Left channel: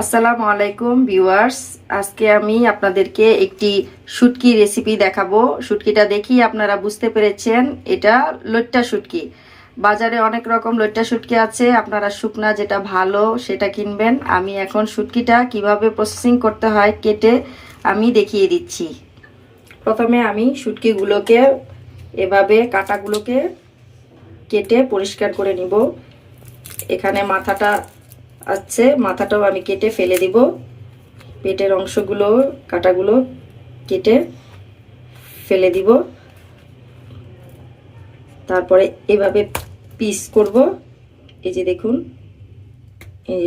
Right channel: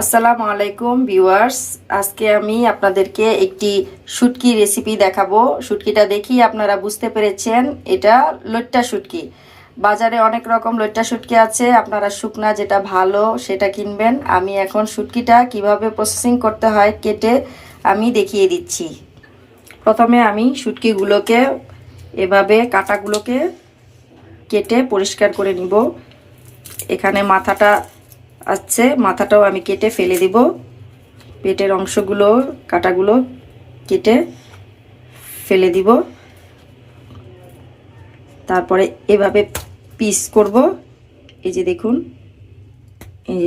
আসসালামু আলাইকুম, ভিউয়ার্স। আজকে আমি আপনাদেরকে একটি শুটকি রেসিপি দেখাবো। শুটকিটা দেখি আপনারা বুঝতে পেরেছেন, এটা লইট্টা শুটকি। বাজারে অনেক রকম লইট্টা শুটকি আছে, আপনারা শুকনা যেটা ভালো সেটা কিনবেন। আমি এখন শুটকিটা কীভাবে প্রসেসিং করতে হয় কেটে আমি দেখিয়ে দিচ্ছি। প্রথমে আমি শুটকিগুলোকে, এভাবে কাটাগুলোকে কেটে পরিষ্কার করে নিব। এখানে মাথাটা আছে, মাথাটাও আমি কেটে ফেলে দিব। পেটের অংশগুলো, কাটাগুলো কেটে ফেলে দিব। তারপরে এভাবে পিস করব। এই যে দেখুন, এই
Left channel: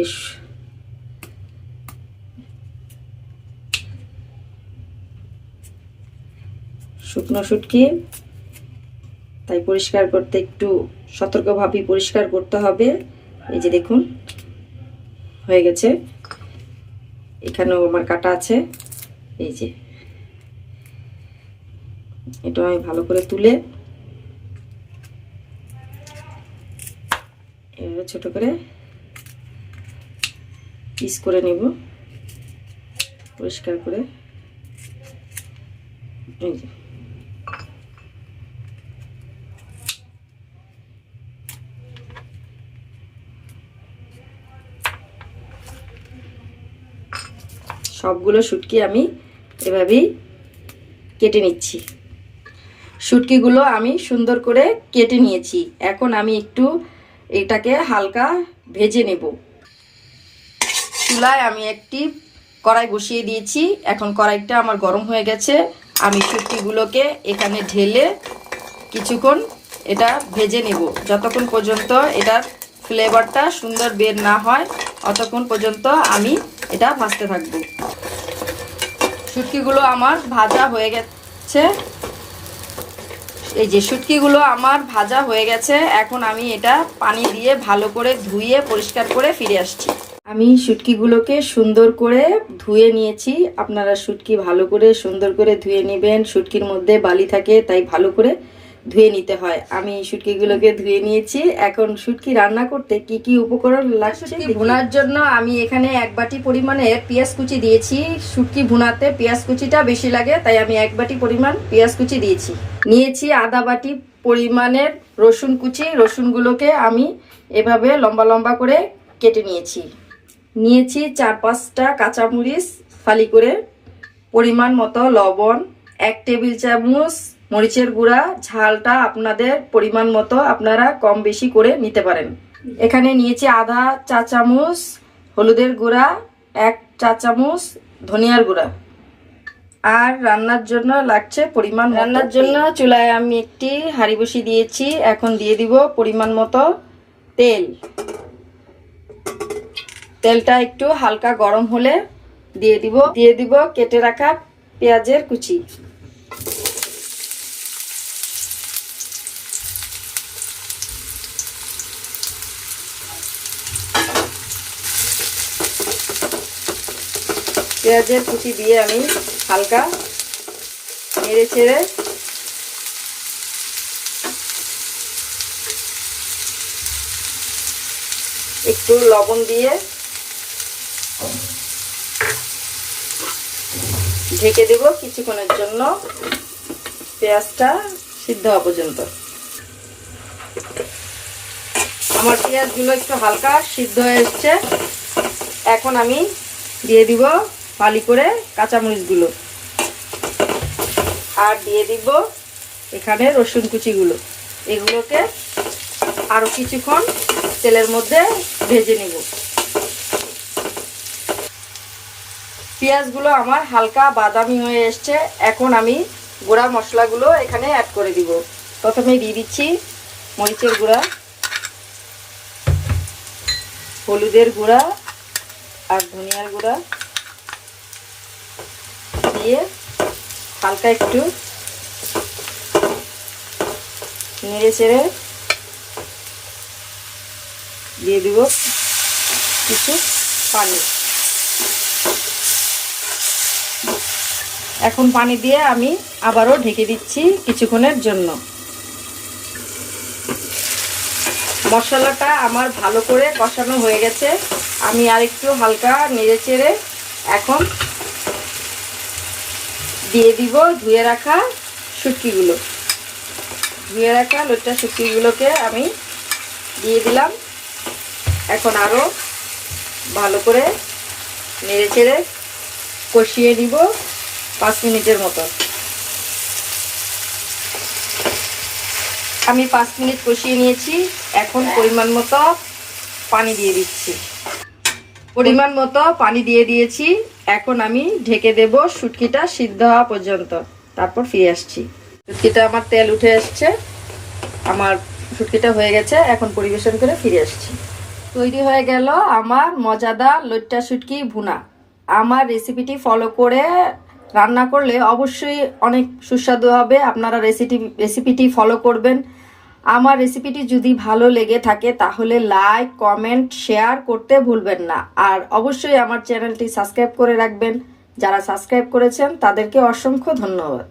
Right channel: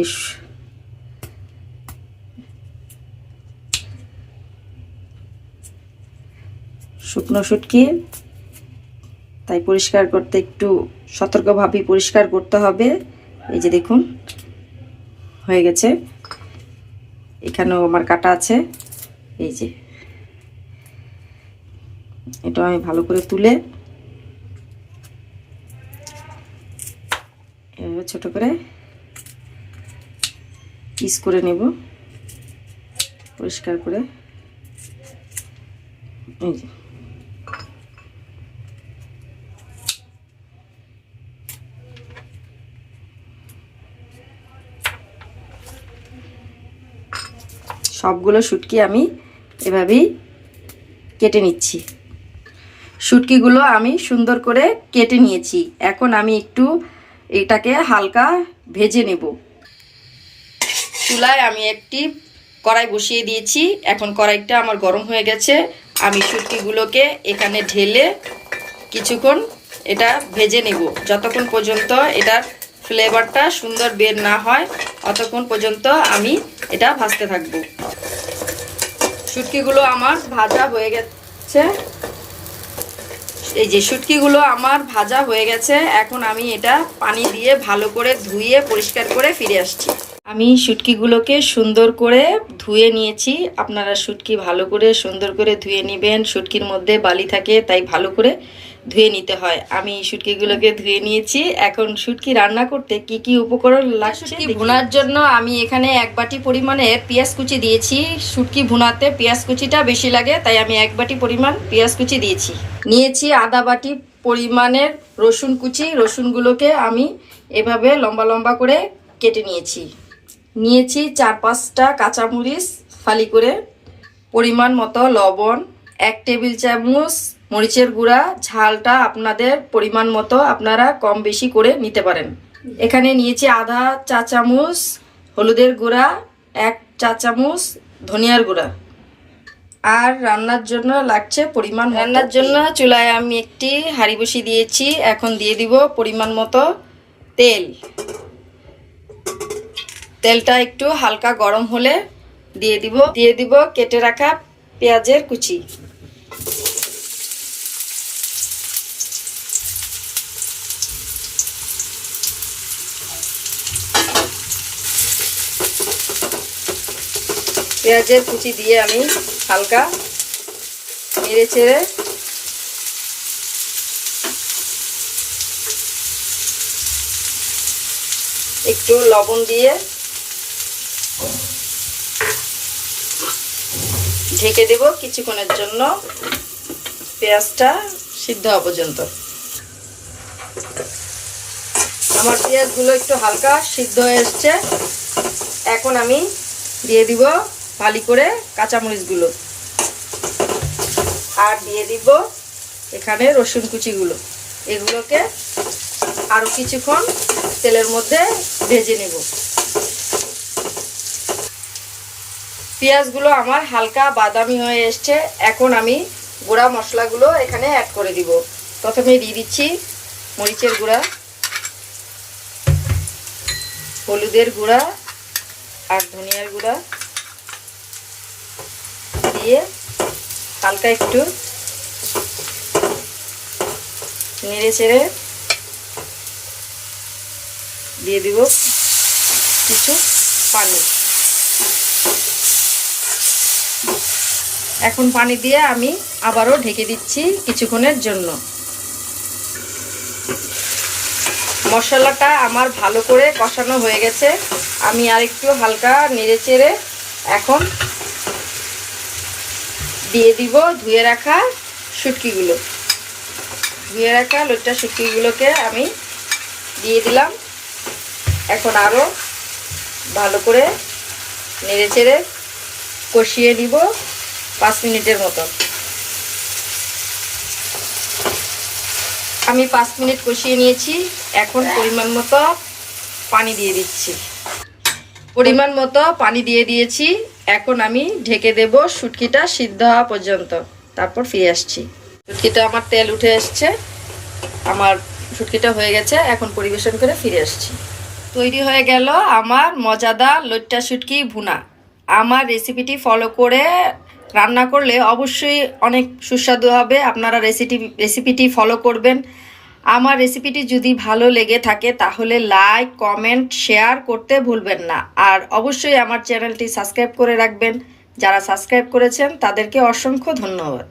শুকনো শুটকি তাই পরিষ্কার করতে একটু সতর্কভাবেই পরিষ্কার করতে হবে। এই যে দেখুন হয়ে গেছে। এখানেও আমার কাটা আছে। এই যে। এটা আমি ভালো করে তুলে ছোট করে পিস করে নেব। পরিষ্কার করে। এই যে। সবগুলো শুটকি আমি এভাবেই কেটে নিচ্ছি। শুটকিগুলো আমি সুন্দর করে কেটে নিয়েছি। এখন আমি একটু এটাকে হালকা ভেজে নেব। চুলায় আমি একটি কড়াই বসিয়ে দিয়েছি। এখন কড়াইটা আমার গরম হয়ে গেছে। আমি শুটকিগুলোকে এখানে ঢেলে কিছুক্ষণ এটা ভেজে নেব। যতক্ষণ পর্যন্ত এটার ফ্লেভারটা সুন্দর বের না হয় অতক্ষণ পর্যন্ত আমি এটা ভাজতে থাকব। শুটকিগুলো আমার ভাজা হয়ে গেছে। এই যে শুটকিগুলো আমার ভাজা হয়ে গেছে, এখন আমি এটা পানি দিয়ে ভালো করে ধুয়ে, পরিষ্কার করে ফিরে আসছি। আমি শুটকিগুলোকে সুন্দর করে ধুয়ে নিয়েছি। আপনারা শুটকি ভালো করে সুন্দর করে ধুয়ে নেবেন। শুটকির মধ্যে বালি থাকে, তাই ভালো করে ধুয়ে নিতে হয়। আমি শুটকিগুলোকে ধুয়ে নিয়েছি। এখন শুটকি রান্না করতে কি কি উপকরণ লাগছে ভুনার জন্য আমি এখানে এক বাটি পরিমাণে পেঁয়াজ কুচি দিয়েছি। শুটকি ভুনাতে পেঁয়াজ কুচিটা বেশি লাগে তাই আমি এক বাটি পরিমাণ পেঁয়াজ কুচি দিয়েছি। নিয়েছি আদা বাটি পরিমাণের রসুন কুচি। রসুনগুলোকে আমি এভাবে লম্বা লম্বা করে কেটে নিয়েছি। নিয়েছি চার পাঁচটা কাঁচামরিচ ফালি করে পরিমাণ মতো লবণ এক টেবিল চামচ মরিচের গুঁড়া ঝালটা আপনাদের পরিমাণ মতো আপনারা কম বেশি করে নিতে পারেন। এখানে নিয়েছি আধা চা চামচ হলুদের গুঁড়া এক চা চামচ ধনিয়ার গুঁড়া। আর রান্নার জন্য লাগছে পরিমাণ রান্নার জন্য চুলায় আমি একটি হাঁড়ি বসিয়ে দিয়েছি। এখন দিয়ে দিব পরিমাণ মতো তেল। তেলটা একটু হালকা গরম হলে দিয়ে দিব। দিয়ে দিব কেটে রাখা পেঁয়াজের কুচি। পেঁয়াজের কুচি দিয়ে আমি হালকা নেড়ে চেড়ে একটু লবণ দিয়ে ঢেকে দেব কিছুক্ষণের জন্য। পেঁয়াজটা সিদ্ধ হওয়া পর্যন্ত। আমার পেঁয়াজগুলো একটু হালকা সিদ্ধ হয়ে এসছে। এখন আমি দিয়ে দিব ফালি করে কাঁচামরিচগুলো। আর দিয়ে দিব এখানে রসুন কুচিগুলো। এগুলোকে আরও কিছুক্ষণ তেলের মধ্যে ভেজে নেব। পেঁয়াজগুলো আমার হালকা বাদামি হয়ে এসছে। এখন আমি গুঁড়া মশলাগুলো এখানে অ্যাড করে দিব। প্রথমে দিয়ে দিচ্ছি মরিচের গুঁড়া, হলুদের গুঁড়া আর ধনিয়ার গুঁড়া। দিয়ে হালকা একটু নেড়ে চেড়ে দিয়ে দিব কিছু পানি। এখন পানি দিয়ে আমি আবারও ঢেকে দিচ্ছি কিছুক্ষণের জন্য। মশলাটা আমার ভালো করে কষানো হয়ে গেছে। আমি আর একটু হালকা নেড়ে চেড়ে এখন দিয়ে দিব, ধুয়ে রাখা শুটকিগুলো। ধুয়ে রাখা লোটটা শুটকিগুলোকে আমি দিয়ে দিলাম। এখন আরও ভালো করে নেড়ে চেড়ে কষিয়ে নিব পাঁচ মিনিটের মতো। আমি পাঁচ মিনিট কষিয়ে নিয়েছি, এখন পরিমাণ মতো পানি দিয়ে দিচ্ছি। পরিমাণ মতো পানি দিয়ে দিয়েছি। এখন আমি ঢেকে দেব শুটকিটা সিদ্ধ হওয়া পর্যন্ত। তারপর ফিরে আসছি। শুটকিটা আমার তেল উঠে আসছে আমার শুটকিটা হয়ে গেছে। এখন পরিবেশন করে ফিরে আসছি। তৈরি হয়ে গেল আমার মজাদার লইট্টা শুটকি ভুনা। আমার রেসিপিটি ফলো করে রান্না করলে অবশ্যই অনেক সুস্বাদু হবে। আপনারা রেসিপি রেসিপিটি ফলো করবেন। আমার রেসিপিটি যদি ভালো লেগে থাকে, তাহলে লাইক কমেন্ট শেয়ার করতে ভুলবেন না। আর অবশ্যই আমার চ্যানেলটি সাবস্ক্রাইব করে রাখবেন। যারা সাবস্ক্রাইব করেছেন, তাদেরকে অসংখ্য ধন্যবাদ।